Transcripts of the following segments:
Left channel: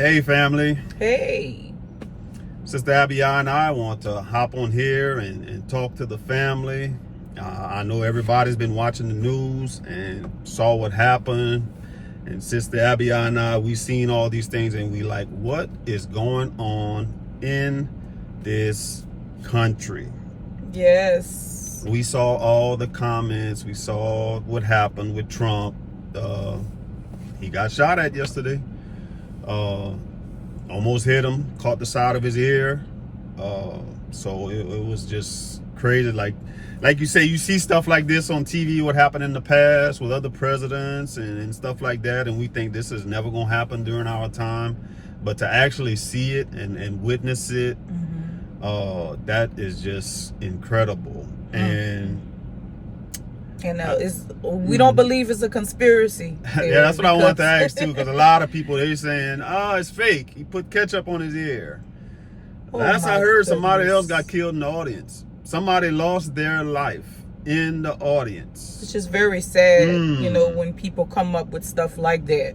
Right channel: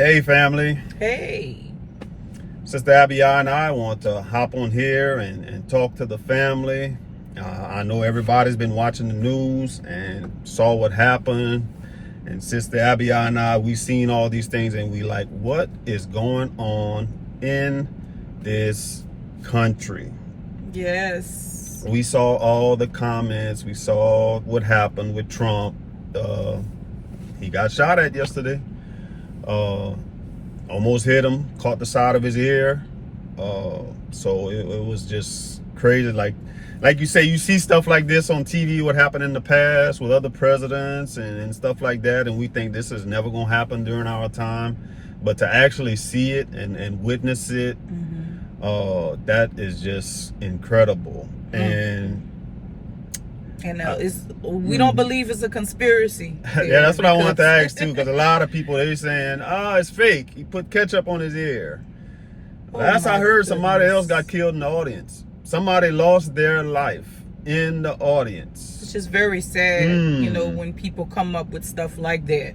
Hey family. Hey. Sister Abiyah and I want to hop on here and talk to the family. I know everybody's been watching the news and saw what happened. And Sister Abiyah and I, we've seen all these things and we like, what is going on in this country? Yes. We saw all the comments. We saw what happened with Trump. He got shot at yesterday. Almost hit him, caught the side of his ear. So it was just crazy. Like you say, you see stuff like this on TV, what happened in the past with other presidents and stuff like that. And we think this is never going to happen during our time. But to actually see it and witness it, that is just incredible. And we don't believe it's a conspiracy. Yeah, that's what I wanted to ask too, because a lot of people, they're saying, it's fake. He put ketchup on his ear. Last I heard, somebody else got killed in the audience. Somebody lost their life in the audience. It's just very sad, when people come up with stuff like that,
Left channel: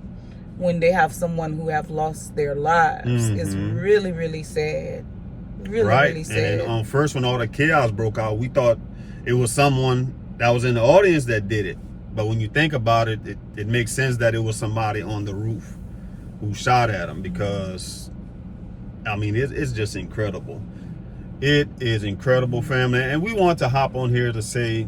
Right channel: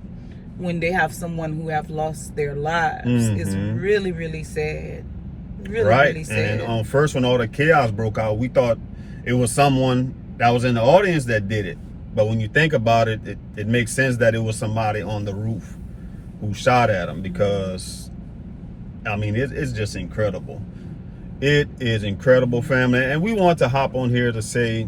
when they have someone who have lost their lives. It's really, really sad. Really sad. And first, when all the chaos broke out, we thought it was someone that was in the audience that did it. But when you think about it, it makes sense that it was somebody on the roof who shot at him, because, I mean, it's just incredible. It is incredible, family. And we want to hop on here to say,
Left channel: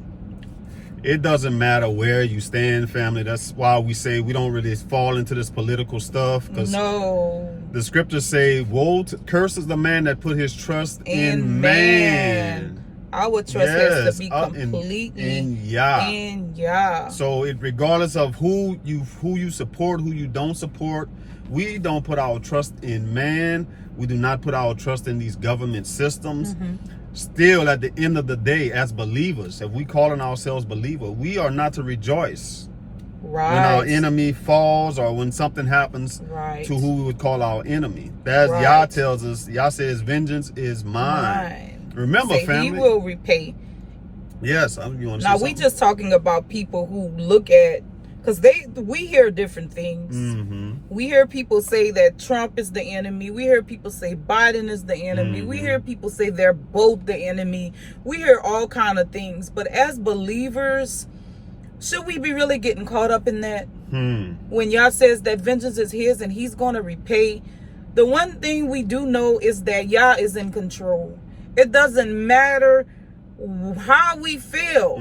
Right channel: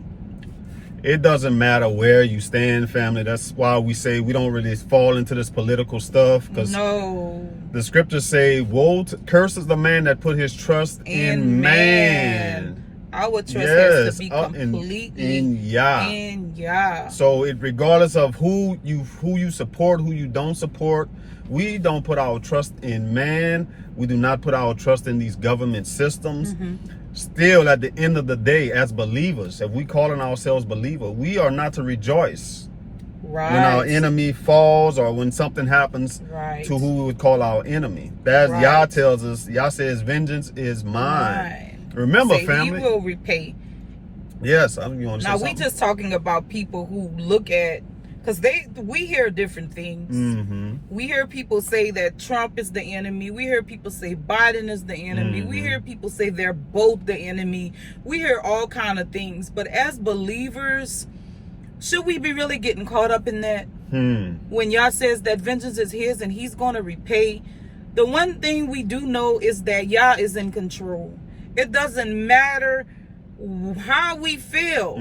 it doesn't matter where you stand, family. That's why we say we don't really fall into this political stuff, because the scriptures say, curses the man that put his trust in man. Our trust has to be completely in Yah. In Yah. So regardless of who you support, who you don't support, we don't put our trust in man. We do not put our trust in these government systems. Still, at the end of the day, as believers, if we calling ourselves believer, we are not to rejoice when our enemy falls or when something happens to who we would call our enemy. As Yah tells us, Yah says, vengeance is mine. Remember, family, he will repay. Yes, you want to say something? Now, we just talking about people who look at, because we hear different things. We hear people say that Trump is the enemy. We hear people say Biden is the enemy. We hear people say they're both the enemy. We hear all kind of things. But as believers, should we be really getting caught up in that? When Yah says that vengeance is his and he's going to repay. The one thing we do know is that Yah is in control. It doesn't matter how we feel.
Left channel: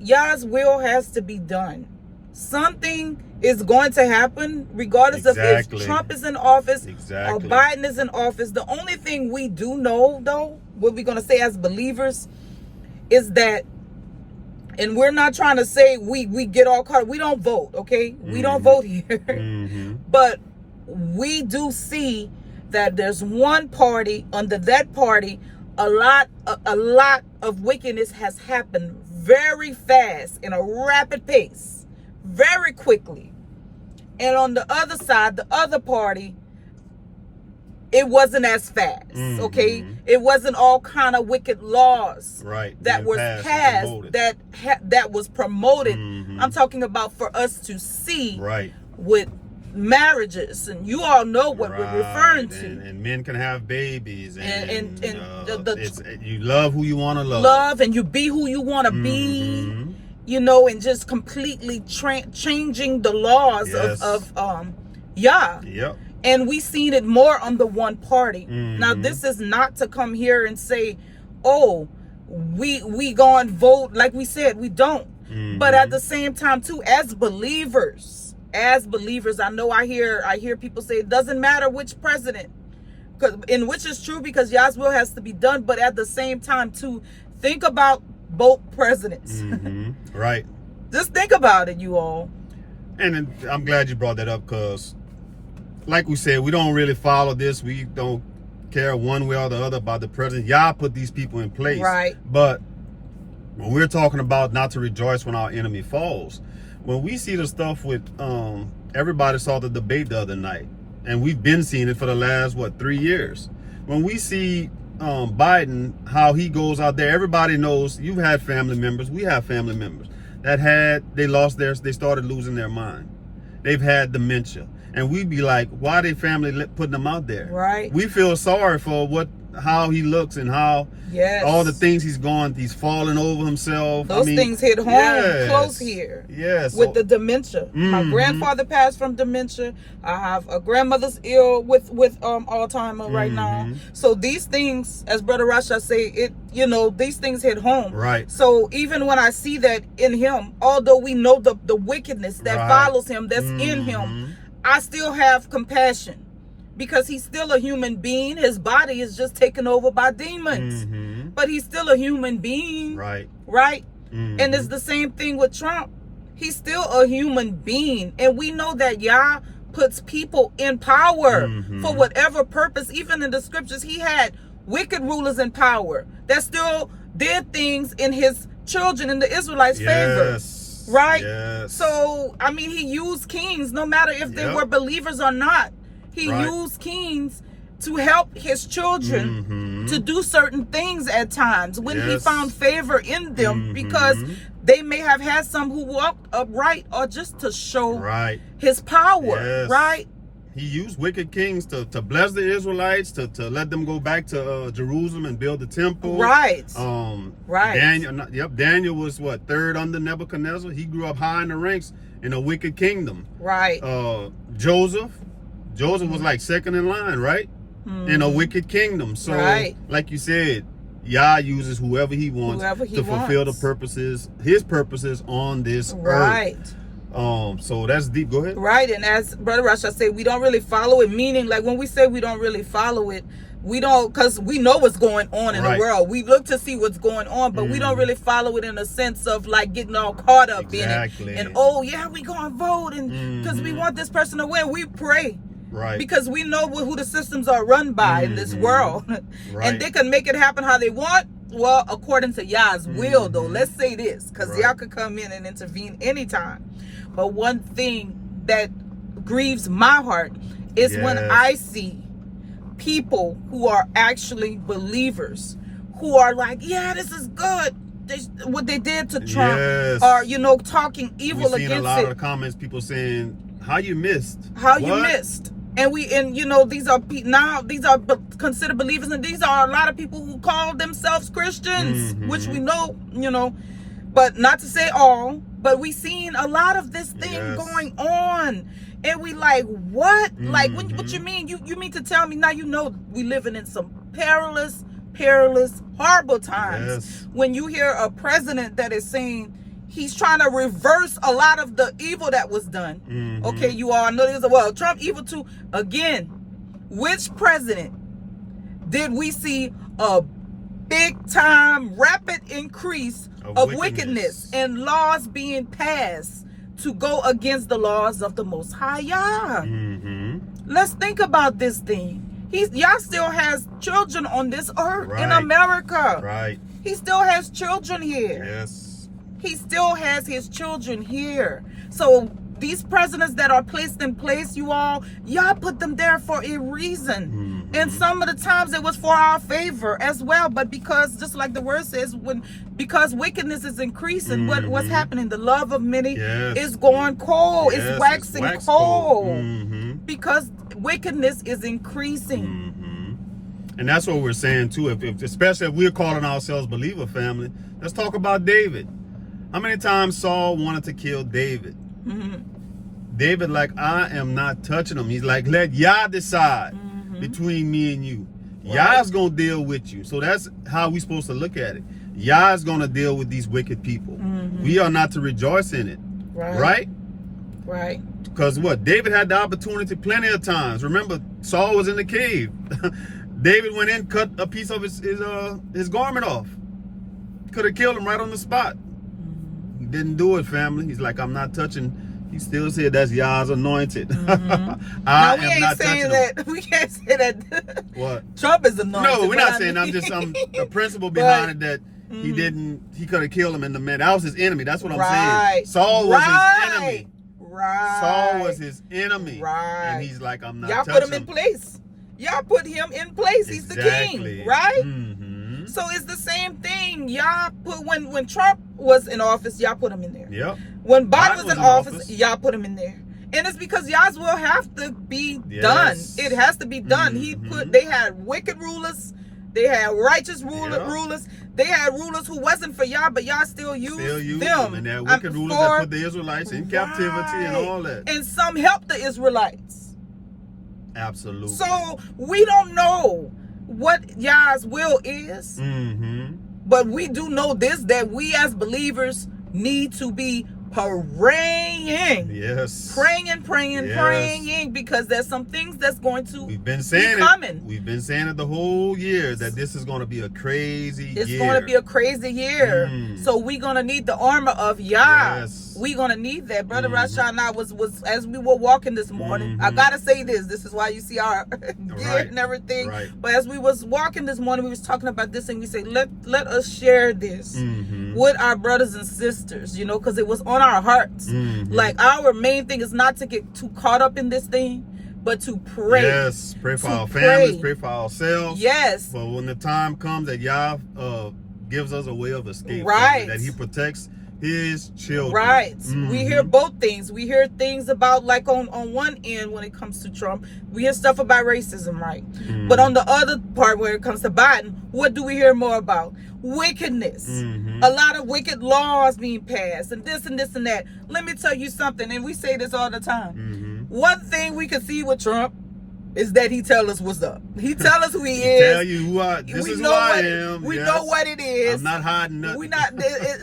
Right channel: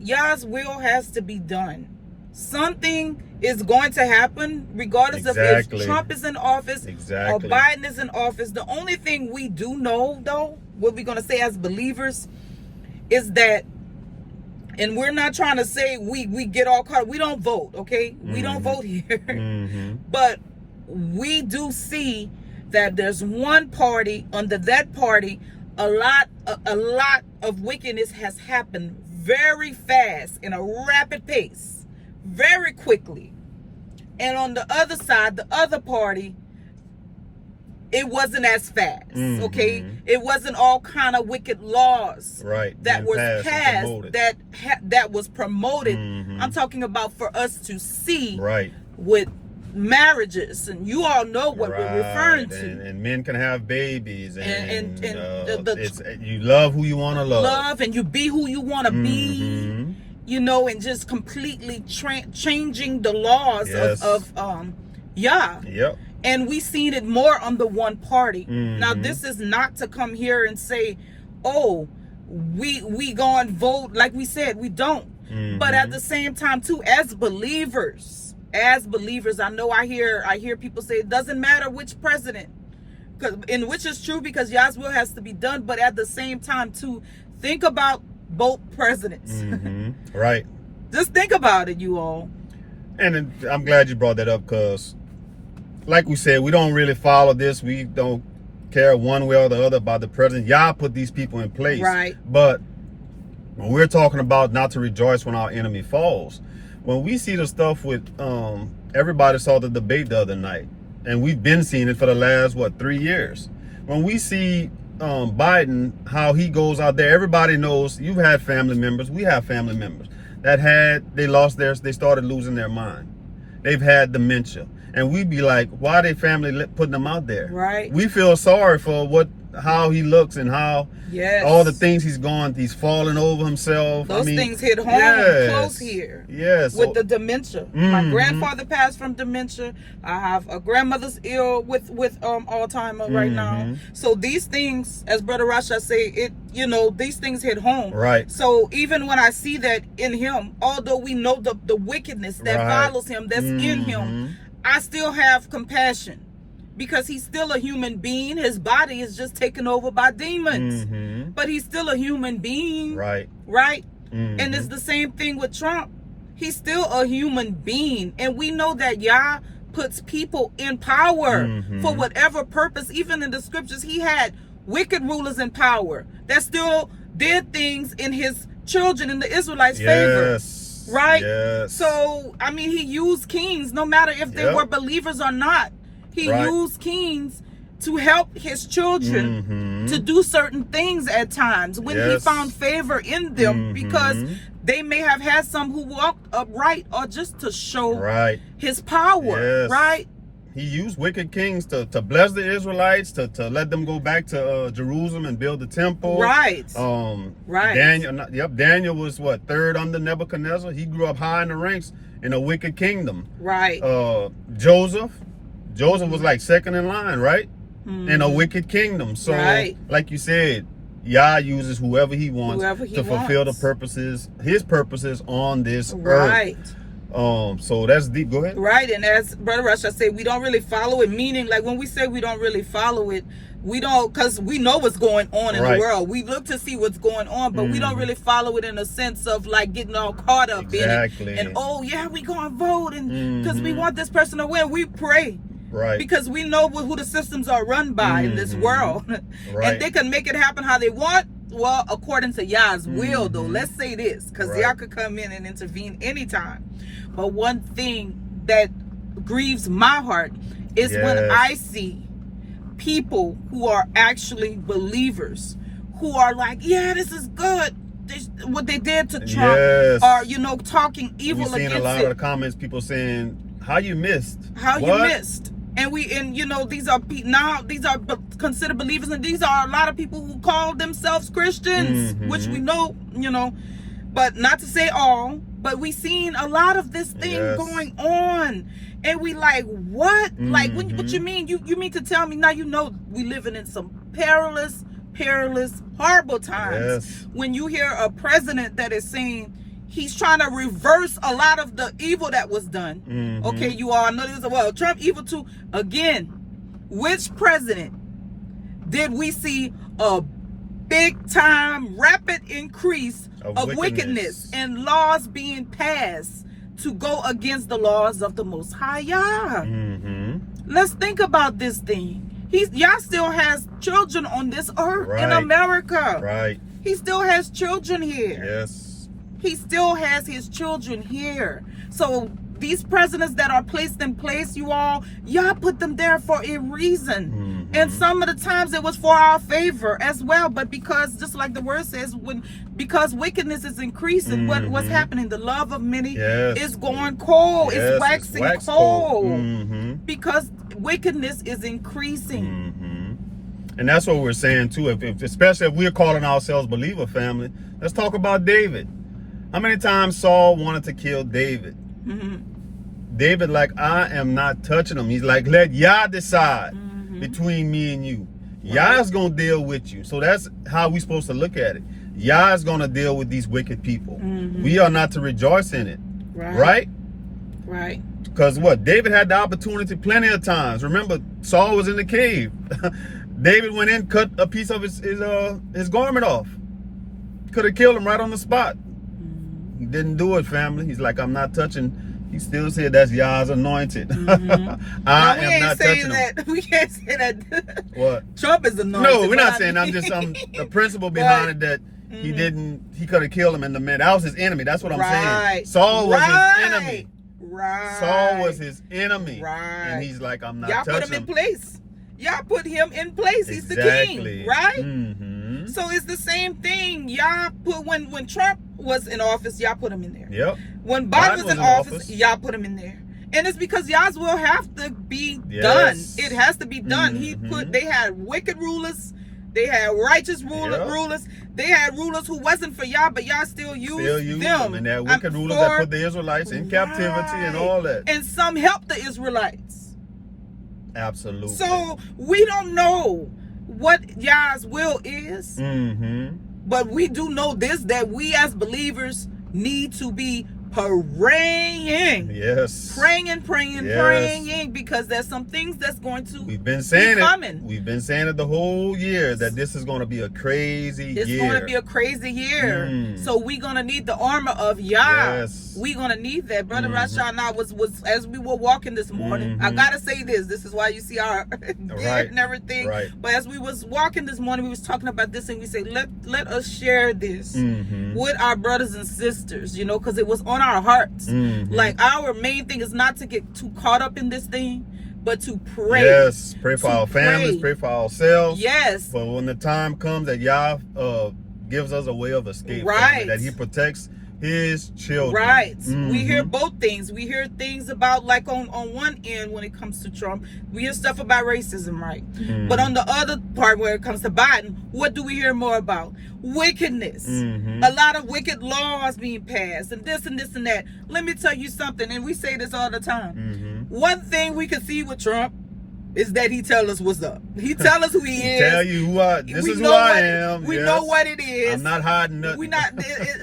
Yah's will has to be done. Something is going to happen regardless of if Trump is in office or Biden is in office. The only thing we do know, though, what we're going to say as believers is that, and we're not trying to say we get all caught up. We don't vote, okay? We don't vote here. But we do see that there's one party, under that party, a lot of wickedness has happened very fast, in a rapid pace, very quickly. And on the other side, the other party, it wasn't as fast, okay? It wasn't all kind of wicked laws that were passed, that was promoted. I'm talking about for us to see with marriages, and you all know what we're referring to. And men can have babies, and you love who you want to love, and you be who you want to be, and just completely changing the laws of Yah. And we seen it more on the one party. Now, this is not to come here and say, we go and vote. Like we said, we don't. But at the same time too, as believers, I know I hear people say it doesn't matter which president, and which is true, because Yah's will has to be done. But at the same time too, think about both presidents. Just think about it, you all. And I'm glad you brought that up, because like we said, we don't really follow this. We don't care one way or the other about the president. Yah put these people in place. But when we're talking about not to rejoice when our enemy falls, when we see the stuff with, everybody saw the debate the other night, and we've been seeing it for the last, 3 years. When we see Biden, how he goes out there, everybody knows, you've had family members, we have family members that they started losing their mind. They've had dementia. and we be like, why they family putting him out there? Right. We feel sorry for how he looks and how all the things he's gone. He's falling over himself. Those things hit home close here. Yes. With the dementia. My grandfather passed from dementia. I have a grandmother's ill with Alzheimer right now. So these things, as Brother Rasha say, these things hit home. Right. So even when I see that in him, although we know the wickedness that follows him, that's in him, I still have compassion. Because he's still a human being. His body is just taken over by demons. But he's still a human being. Right. And it's the same thing with Trump. He's still a human being. And we know that Yah puts people in power for whatever purpose. Even in the scriptures, he had wicked rulers in power that still did things in his children, in the Israelites' favor. Right? Yes. So, I mean, he used kings, no matter if they were believers or not. He used kings to help his children to do certain things at times when he found favor in them, because they may have had some who walked upright, or just to show his power, right? He used wicked kings to bless the Israelites, to let them go back to Jerusalem and build the temple. Daniel was third under Nebuchadnezzar. He grew up high in the ranks in a wicked kingdom. Joseph was like second in line, right? In a wicked kingdom. So, like you said, Yah uses whoever he wants to fulfill his purposes on this earth. So that's deep. Go ahead. Right, and as Brother Rasha said, we don't really follow it. Meaning, like when we say we don't really follow it, we don't, because we know what's going on in the world. We look to see what's going on, but we don't really follow it in a sense of like getting all caught up in it. And we gonna vote, and because we want this person to win, we pray. Because we know who the systems are run by in this world. And they can make it happen how they want. Well, according to Yah's will, though. Let's say this, because Yah could come in and intervene anytime. But one thing that grieves my heart is when I see people who are actually believers, who are like, this is good. What they did to Trump, are, talking evil against it. We've seen a lot of the comments, people saying, how you missed. And these are considered believers, and these are a lot of people who call themselves Christians, which we know, but not to say all, but we seen a lot of this thing going on, and we like, what? Like, what you mean? You mean to tell me now? We living in some perilous, horrible times when you hear a president that is saying he's trying to reverse a lot of the evil that was done. Okay, you all know this. Trump evil too. Again, which president did we see a big time rapid increase of wickedness and laws being passed to go against the laws of the Most High Yah? Let's think about this thing. Yah still has children on this earth in America. He still has children here. He still has his children here. So these presidents that are placed in place, Yah put them there for a reason. And some of the times it was for our favor as well. But because, just like the word says, because wickedness is increasing, what's happening? The love of many is going cold. It's waxing cold. Because wickedness is increasing. And that's what we're saying too. Especially if we're calling ourselves believer family, let's talk about David. How many times Saul wanted to kill David? David, like, I am not touching him. He's like, let Yah decide between me and you. Yah's going to deal with you. So that's how we're supposed to look at it. Yah's going to deal with these wicked people. We are not to rejoice in it. Right? Because David had the opportunity plenty of times. Remember, Saul was in the cave. David went in, cut a piece of his garment off. Could have killed him right on the spot. He didn't do it, family. He's like, I'm not touching. He still said that's Yah's anointed. I am not touching him. We can't say that. What? Trump is anointed. No, we're not saying. I'm just the principle behind it that he could have killed him in the man. That was his enemy. That's what I'm saying. Saul was his enemy. Saul was his enemy. And he's like, I'm not touching him. Y'all put him in place. Y'all put him in place. He's the king, right? So it's the same thing. Y'all put when Trump was in office, y'all put him in there. When Biden was in office, y'all put him in there. And it's because Yah's will have to be done. It has to be done. They had wicked rulers. They had righteous rulers. They had rulers who wasn't for Yah, but Yah still used them. And they had wicked rulers that put the Israelites in captivity and all that. And some helped the Israelites. Absolutely. So we don't know what Yah's will is. But we do know this, that we as believers need to be praying. Yes. Praying, because there's some things that's going to We've been saying coming. We've been saying it the whole year that this is going to be a crazy year. It's going to be a crazy year. So we're going to need the armor of Yah. Yes. We're going to need that. Brother Rasha and I was as we were walking this morning, I got to say this. This is why you see our beard and everything. Right. But as we was walking this morning, we was talking about this, and we say, let us share this with our brothers and sisters, you know, because it was on our hearts. Like, our main thing is not to get too caught up in this thing, but to pray. Yes, pray for our families, pray for ourselves. Yes. But when the time comes that Yah gives us a way of escape, that He protects His children. Right. We hear both things. We hear things about, like, on one end when it comes to Trump, we hear stuff about racism, right? But on the other part where it comes to Biden, what do we hear more about? Wickedness. A lot of wicked laws being passed, and this and this and that. Let me tell you something, and we say this all the time. One thing we can see with Trump is that he tell us what's up. He tell us who he is. Tell you who I am. We know what it is. I'm not hiding nothing. We not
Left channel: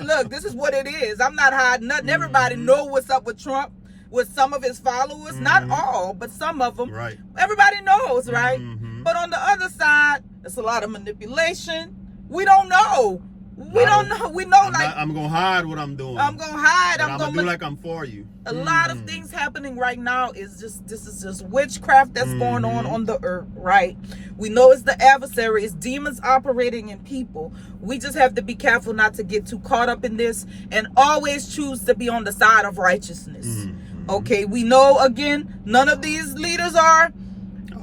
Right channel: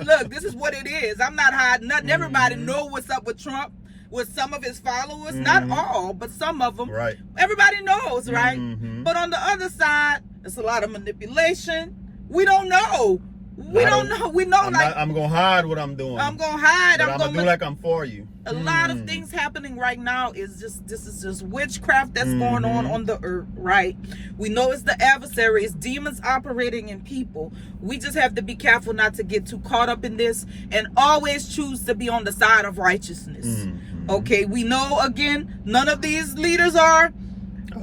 look, this is what it is. I'm not hiding nothing. Everybody know what's up with Trump, with some of his followers. Not all, but some of them. Right. Everybody knows, right? But on the other side, it's a lot of manipulation. We don't know. We don't know. We know I'm gonna hide what I'm doing. I'm gonna hide. I'm gonna do like I'm for you. A lot of things happening right now is this is just witchcraft that's going on the earth, right? We know it's the adversary, it's demons operating in people. We just have to be careful not to get too caught up in this, and always choose to be on the side of righteousness. Okay, we know, again, none of these leaders are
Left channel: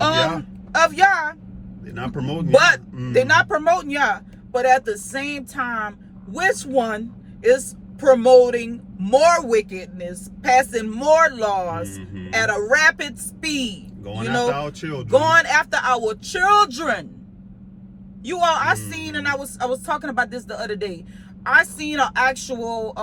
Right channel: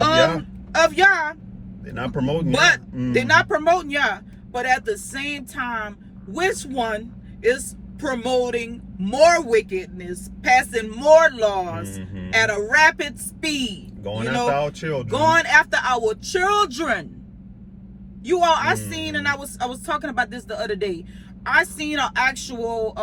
of Yah. They're not promoting Yah. They're not promoting Yah. But at the same time, which one is promoting more wickedness, passing more laws at a rapid speed? Going after our children. Going after our children. You all, I seen, and I was talking about this the other day. I seen an actual,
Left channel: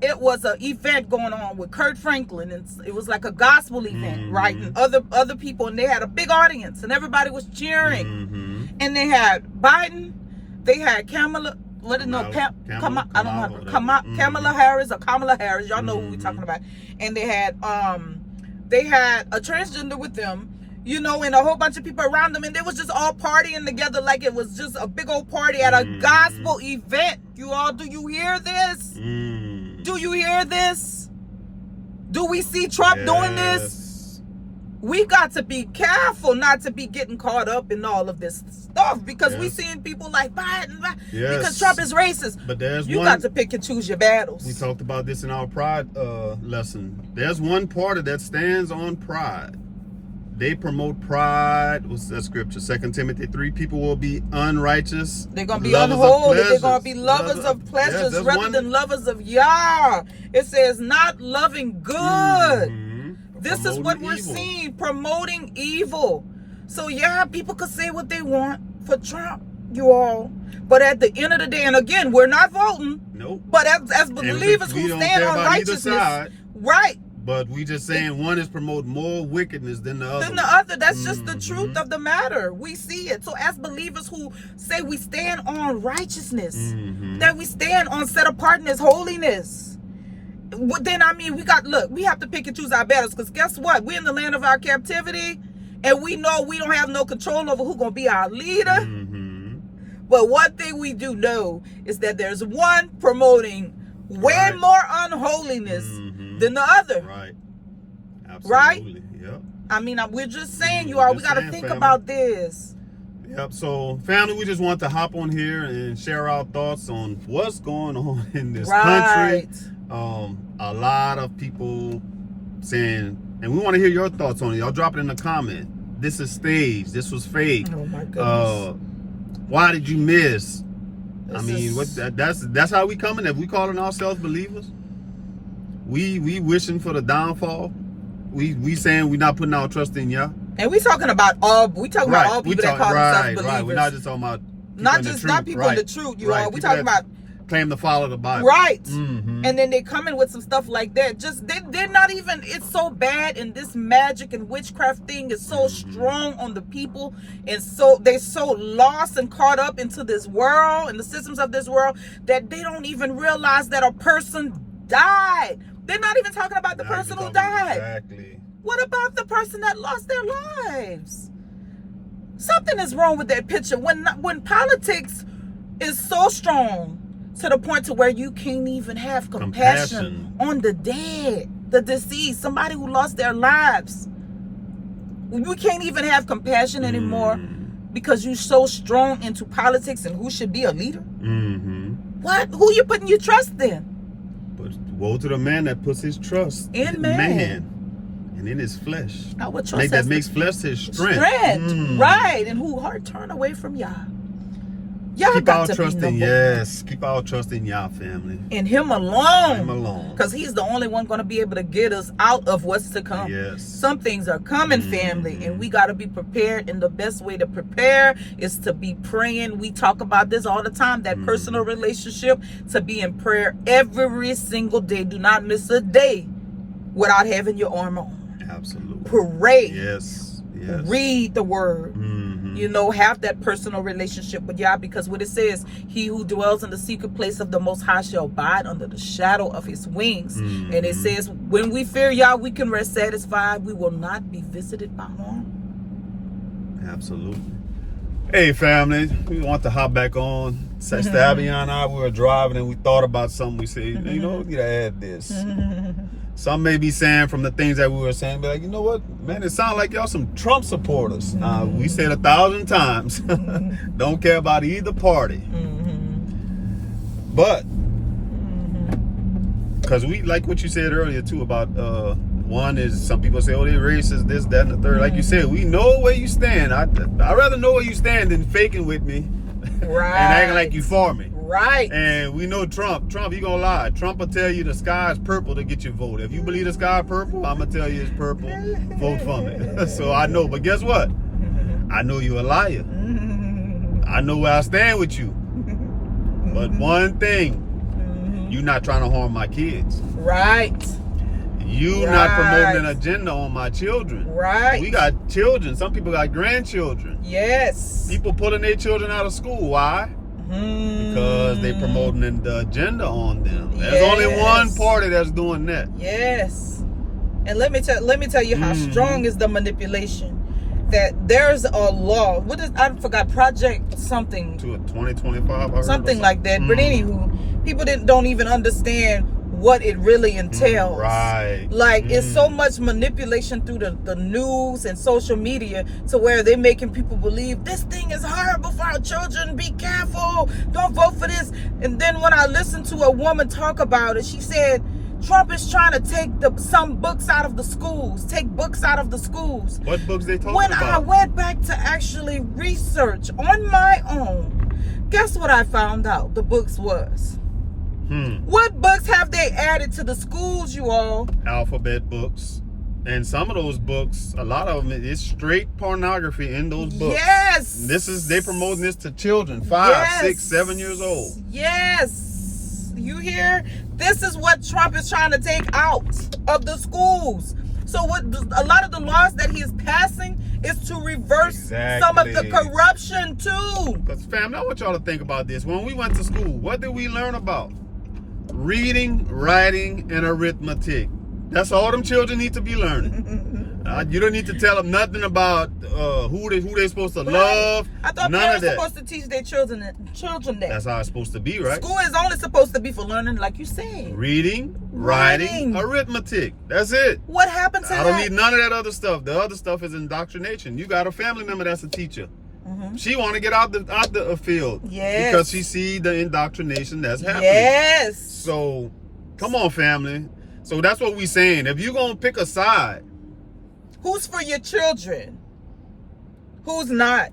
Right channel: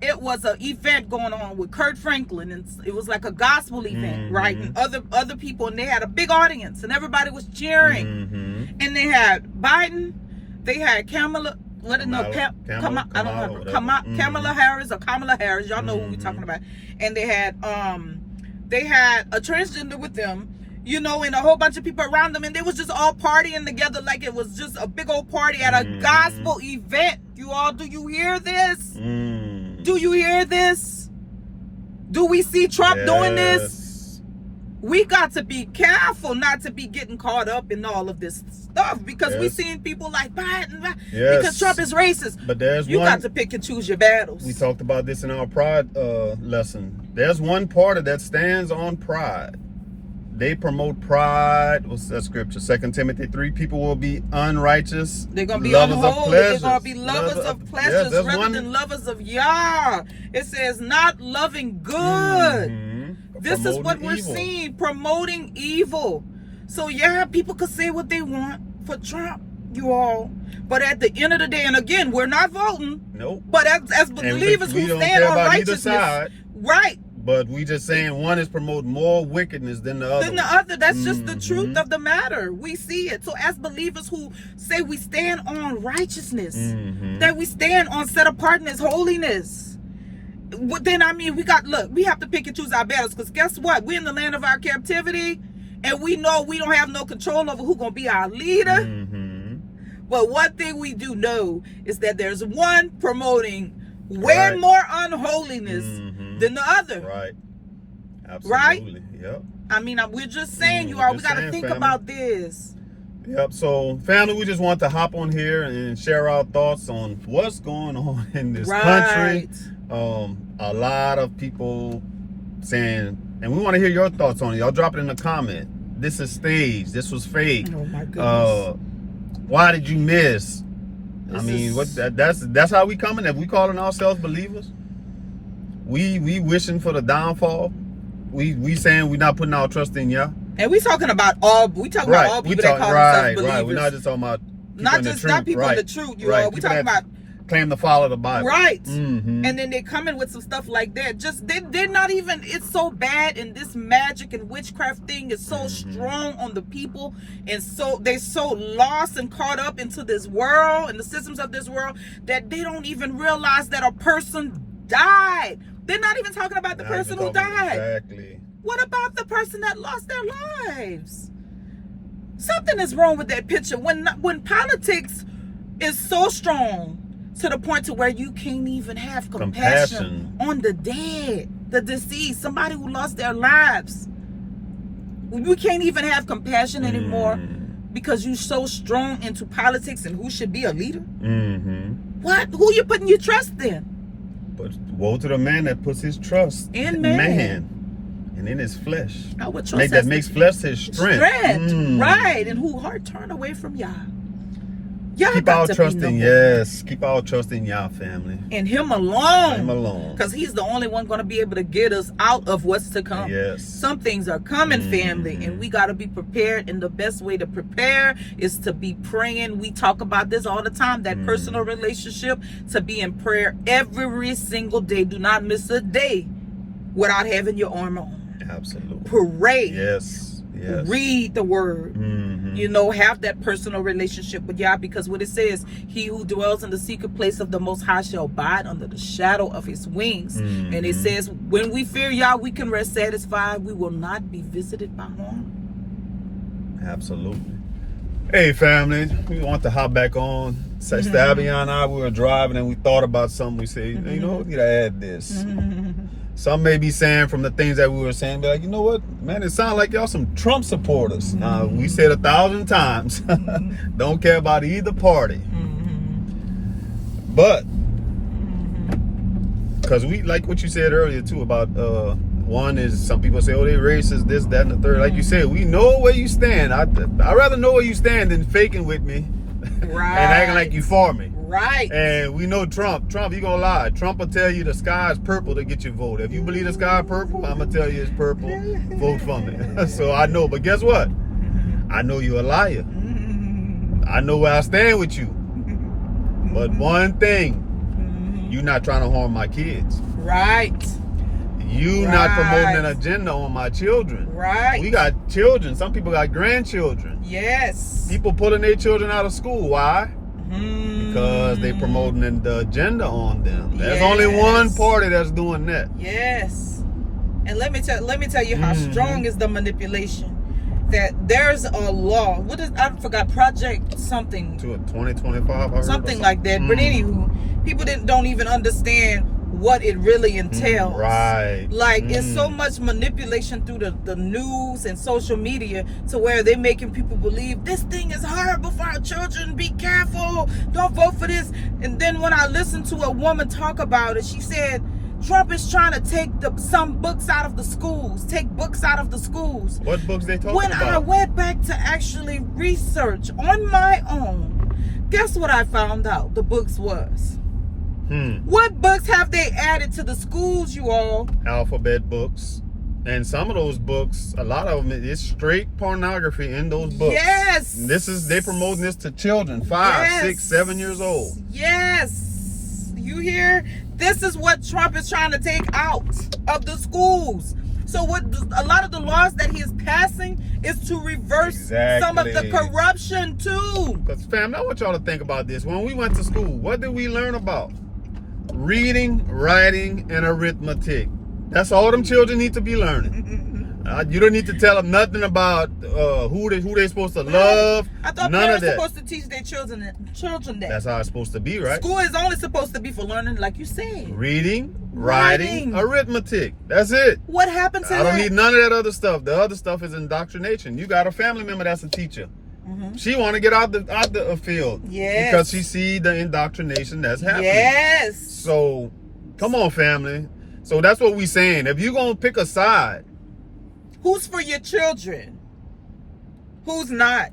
it was an event going on with Kurt Franklin, and it was like a gospel event, right? And other people, and they had a big audience, and everybody was cheering. And they had Biden. They had Kamala Harris or Kamala Harris. Y'all know who we're talking about. And they had a transgender with them, you know, and a whole bunch of people around them, and they was just all partying together like it was just a big old party at a gospel event. You all, do you hear this? Do you hear this? Do we see Trump doing this? We got to be careful not to be getting caught up in all of this stuff, because we seeing people like Biden because Trump is racist. But you got to pick and choose your battles. We talked about this in our pride lesson. There's one party that stands on pride. They promote pride. What's that scripture? 2 Timothy 3. People will be unrighteous. They're going to be unholy. They're going to be lovers of pleasures rather than lovers of Yah. It says not loving good. This is what we're seeing, promoting evil. So yeah, people could say what they want for Trump, you all. But at the end of the day, and again, we're not voting. Nope. But as believers who stand on righteousness, right? But we just saying one is promoting more wickedness than the other. That's just the truth of the matter. We see it. So as believers who say we stand on righteousness, that we stand on set apartness, holiness. Then we have to pick and choose our battles, because guess what? We're in the land of our captivity, and we know we don't have no control over who's gonna be our leader. But one thing we do know is that there's one promoting way more unholiness than the other. Right. Absolutely. Right? Yep. We're just saying, you all, we gotta think about this. Yep. So, family, we just want to hop on here and share our thoughts on what's going on in this country. A lot of people saying, and we want to hear your thoughts on it. Y'all drop it in the comment. This is staged. This was fake. Oh my goodness. Why did you miss? That's how we coming. If we calling ourselves believers, we wishing for the downfall We saying we not putting our trust in Yah. And we talking about all people that call themselves believers. Right. We're not just talking about not people in the truth, you all. We talking about claim to follow the Bible. Right. And then they come in with some stuff like that. Just they're not even, it's so bad, and this magic and witchcraft thing is so strong on the people, and so they're so lost and caught up into this world and the systems of this world that they don't even realize that a person died. They're not even talking about the person who died. Exactly. What about the person that lost their lives? Something is wrong with that picture. When politics is so strong to the point to where you can't even have compassion on the dead, the deceased, somebody who lost their lives. You can't even have compassion anymore because you're so strong into politics and who should be a leader. What? Who you putting your trust in? But woe to the man that puts his trust in man. And in his flesh. That makes flesh his strength. Right. And who heart turn away from Yah. Keep our trust in Keep our trust in Yah, family. And Him alone. Him alone. Because He's the only one going to be able to get us out of what's to come. Yes. Some things are coming, family, and we got to be prepared. And the best way to prepare is to be praying. We talk about this all the time, that personal relationship, to be in prayer every single day. Do not miss a day without having your armor on. Absolutely. Pray. Yes. Read the word. Have that personal relationship with Yah, because what it says, he who dwells in the secret place of the Most High shall abide under the shadow of His wings. And it says, when we fear Yah, we can rest satisfied. We will not be visited by harm. Absolutely. Hey, family, we want to hop back on. Sister Abian and I, we were driving and we thought about something. We said, we need to add this. Some may be saying from the things that we were saying, but like, you know what, man, it sounds like y'all some Trump supporters. We said 1,000 times, don't care about either party. But, because we, like what you said earlier too, about one is some people say, oh, they racist, this, that, and the third. Like you said, we know where you stand. I'd rather know where you stand than faking with me and acting like you for me. Right. And we know Trump, you gonna lie. Trump will tell you the sky is purple to get your vote. If you believe the sky is purple, I'm gonna tell you it's purple. Vote for me. So I know, but guess what? I know you're a liar. I know where I stand with you. But one thing, you not trying to harm my kids. Right. You not promoting an agenda on my children. Right. We got children. Some people got grandchildren. Yes. People pulling their children out of school. Why? Because they promoting the agenda on them. There's only one party that's doing that. Yes. And let me tell you how strong is the manipulation. That there's a law. What is, I forgot, Project something. To a 2025. Something like that. But anywho, people don't even understand what it really entails. Right. Like, it's so much manipulation through the news and social media to where they're making people believe this thing is horrible for our children. Be careful. Don't vote for this. And then when I listened to a woman talk about it, she said, Trump is trying to take some books out of the schools. Take books out of the schools. What books they talking about? When I went back to actually research on my own, guess what I found out the books was? What books have they added to the schools, you all? Alphabet books. And some of those books, a lot of them, it's straight pornography in those books. Yes. They promoting this to children, 5, 6, 7 years old. Yes. You hear? This is what Trump is trying to take out of the schools. So what a lot of the laws that he is passing is to reverse some of the corruption too. Because family, I want y'all to think about this. When we went to school, what did we learn about? Reading, writing, and arithmetic. That's all them children need to be learning. You don't need to tell them nothing about who they're supposed to love. I thought none of that. Supposed to teach their children that. That's how it's supposed to be, right? School is only supposed to be for learning, like you said. Reading, writing, arithmetic. That's it. What happened to I don't need none of that other stuff. The other stuff is indoctrination. You got a family member that's a teacher. She want to get out the field because she see the indoctrination that's happening. Yes. So, come on, family. So that's what we saying. If you're gonna pick a side, who's for your children? Who's not?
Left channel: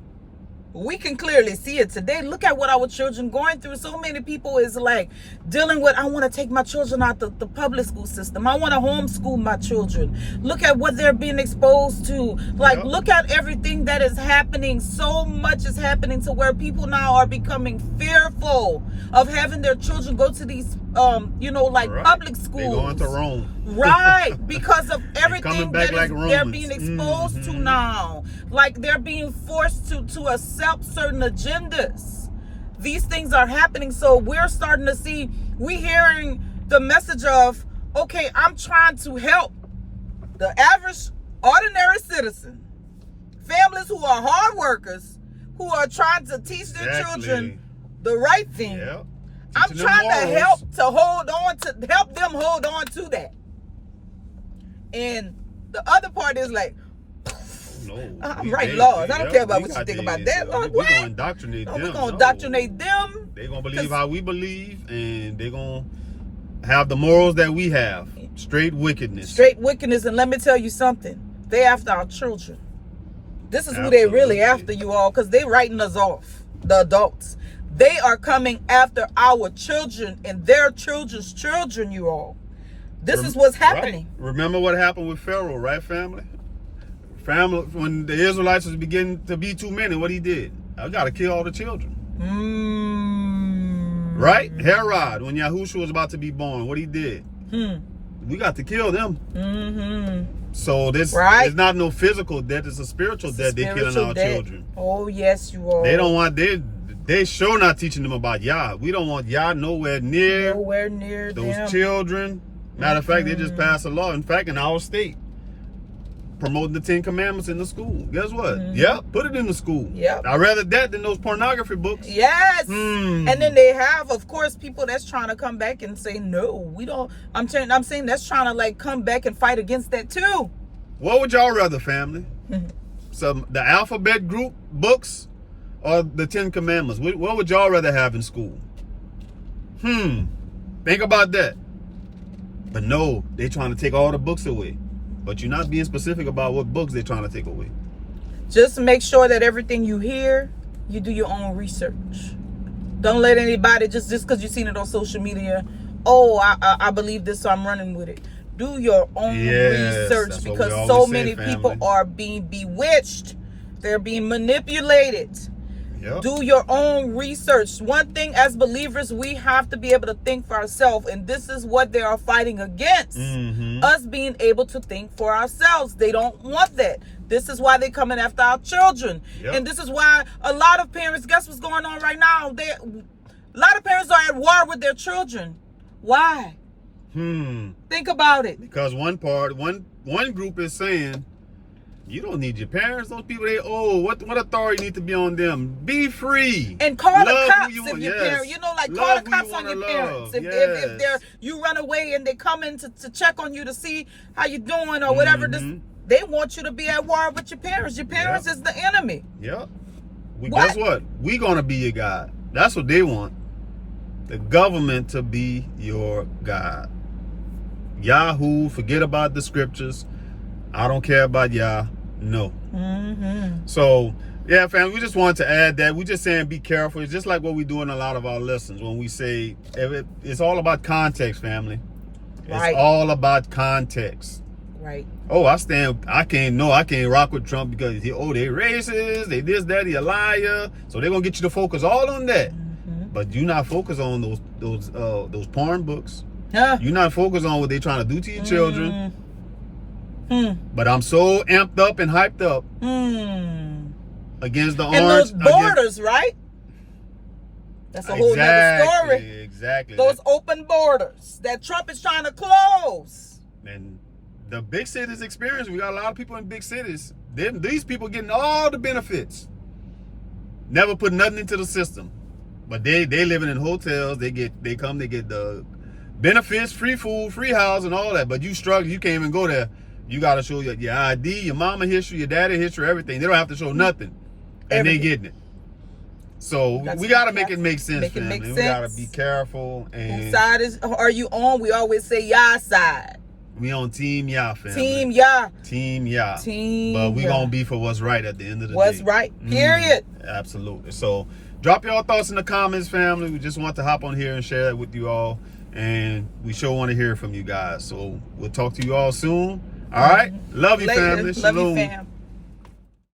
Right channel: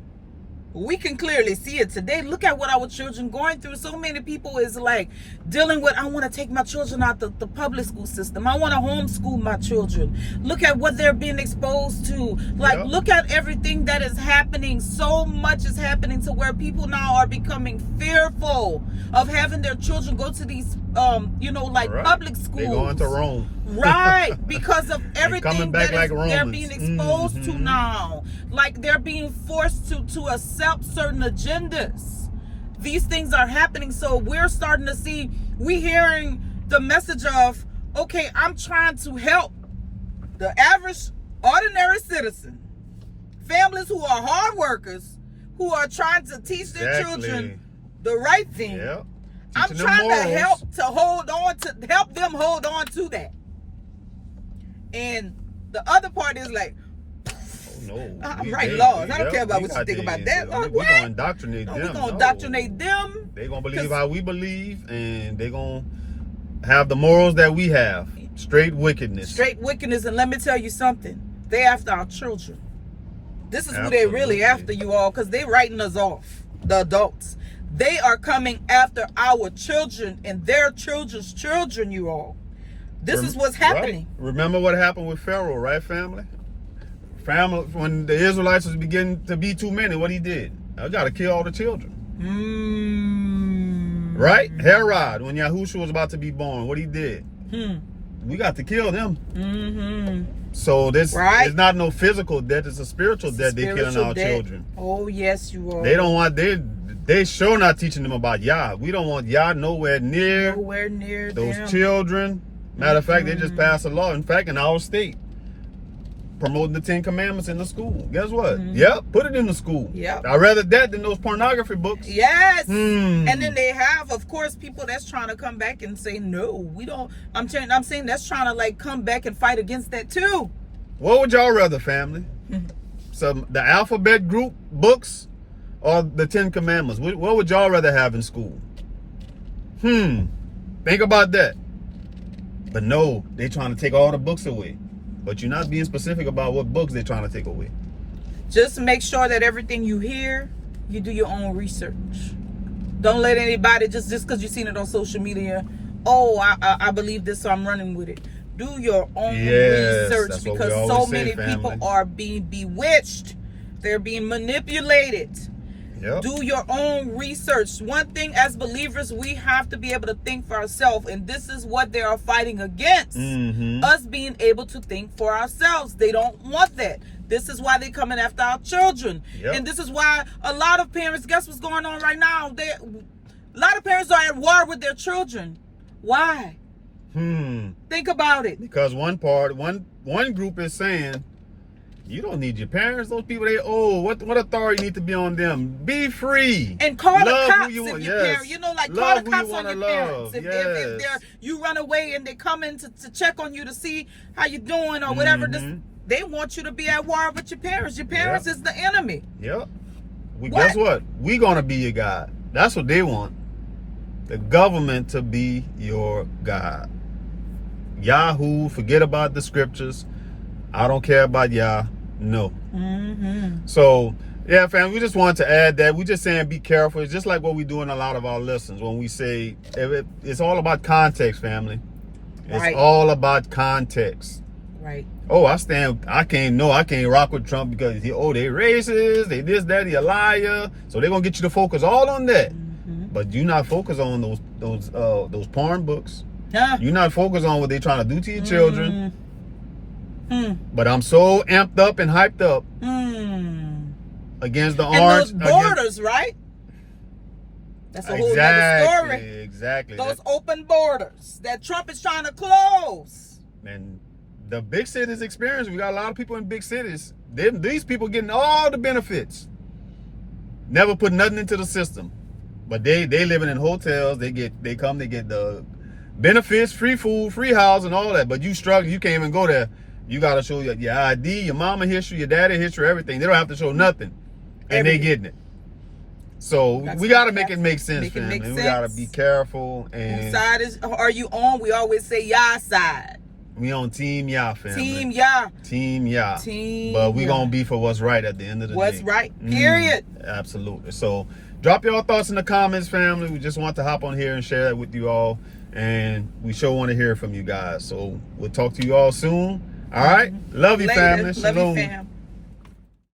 We can clearly see it today. Look at what our children going through. So many people is like dealing with, I want to take my children out the public school system. I want to homeschool my children. Look at what they're being exposed to. Like, look at everything that is happening. So much is happening to where people now are becoming fearful of having their children go to these, public schools. They're going to Rome. Right, because of everything that like they're being exposed to now. Like, they're being forced to accept certain agendas. These things are happening, so we're starting to see, we're hearing the message of, okay, I'm trying to help the average, ordinary citizen, families who are hard workers, who are trying to teach their children the right thing. Yep. I'm trying to help them hold on to that. And the other part is like, no, I'm writing laws. I don't care about what you think about that. We're going to indoctrinate them. We're going to indoctrinate them. They're going to believe how we believe, and they're going to have the morals that we have. Straight wickedness. Straight wickedness. And let me tell you something. They're after our children. This is who they're really after, you all, because they're writing us off, the adults. They are coming after our children and their children's children, you all. This is what's happening. Right. Remember what happened with Pharaoh, right, family? Family, when the Israelites was beginning to be too many, what he did? I got to kill all the children. Right? Herod, when Yahushua was about to be born, what he did? We got to kill them. So this is not no physical death, it's a spiritual death. They're killing our children. Oh, yes, you are. They don't want, they sure not teaching them about Yah. We don't want Yah nowhere near those children. Matter of fact, they just passed a law, in fact, in our state, promoting the 10 Commandments in the school. Guess what? Yep, put it in the school. Yep. I'd rather that than those pornography books. Yes. And then they have, of course, people that's trying to come back and say, no, we don't. I'm saying that's trying to like come back and fight against that too. What would y'all rather, family? The alphabet group books or the 10 Commandments? What would y'all rather have in school? Think about that. But no, they're trying to take all the books away. But you're not being specific about what books they're trying to take away. Just make sure that everything you hear, you do your own research. Don't let anybody, just because you've seen it on social media, oh, I believe this, so I'm running with it. Do your own research, because so many people are being bewitched. They're being manipulated. Yep. Do your own research. One thing as believers, we have to be able to think for ourselves, and this is what they are fighting against. Us being able to think for ourselves. They don't want that. This is why they're coming after our children. And this is why a lot of parents, guess what's going on right now? A lot of parents are at war with their children. Why? Think about it. Because one group is saying, you don't need your parents. Those people, what authority need to be on them? Be free. And call the cops if your parents, call the cops on your parents. If you run away and they come in to check on you to see how you're doing or whatever, they want you to be at war with your parents. Your parents is the enemy. Yep. Guess what? We gonna be your God. That's what they want. The government to be your God. Yahoo, forget about the scriptures. I don't care about Yah. No. So, yeah, fam, we just wanted to add that. We just saying be careful. It's just like what we do in a lot of our lessons when we say it's all about context, family. It's all about context. Right. Oh, I can't rock with Trump because they racist, they this, that, he a liar. So they're gonna get you to focus all on that. But you're not focused on those porn books. You're not focused on what they're trying to do to your children. But I'm so amped up and hyped up against the orange. And those borders, right? That's a whole other story. Exactly. Those open borders that Trump is trying to close. And the big cities experience, we got a lot of people in big cities. These people getting all the benefits. Never put nothing into the system. But they living in hotels. They get the benefits, free food, free house, and all that. But you struggle. You can't even go there. You got to show your ID, your mama history, your daddy history, everything. They don't have to show nothing. And they getting it. So we got to make it make sense, family. We got to be careful. And whose side are you on? We always say Yah side. We on Team Yah, family. Team Yah. Team Yah. Team But we Yah. gonna be for what's right at the end of the day. What's right, period. Absolutely. So drop your thoughts in the comments, family. We just want to hop on here and share that with you all. And we sure want to hear from you guys. So we'll talk to you all soon. All right? Love you, Later. family. Love you, Shalom. fam.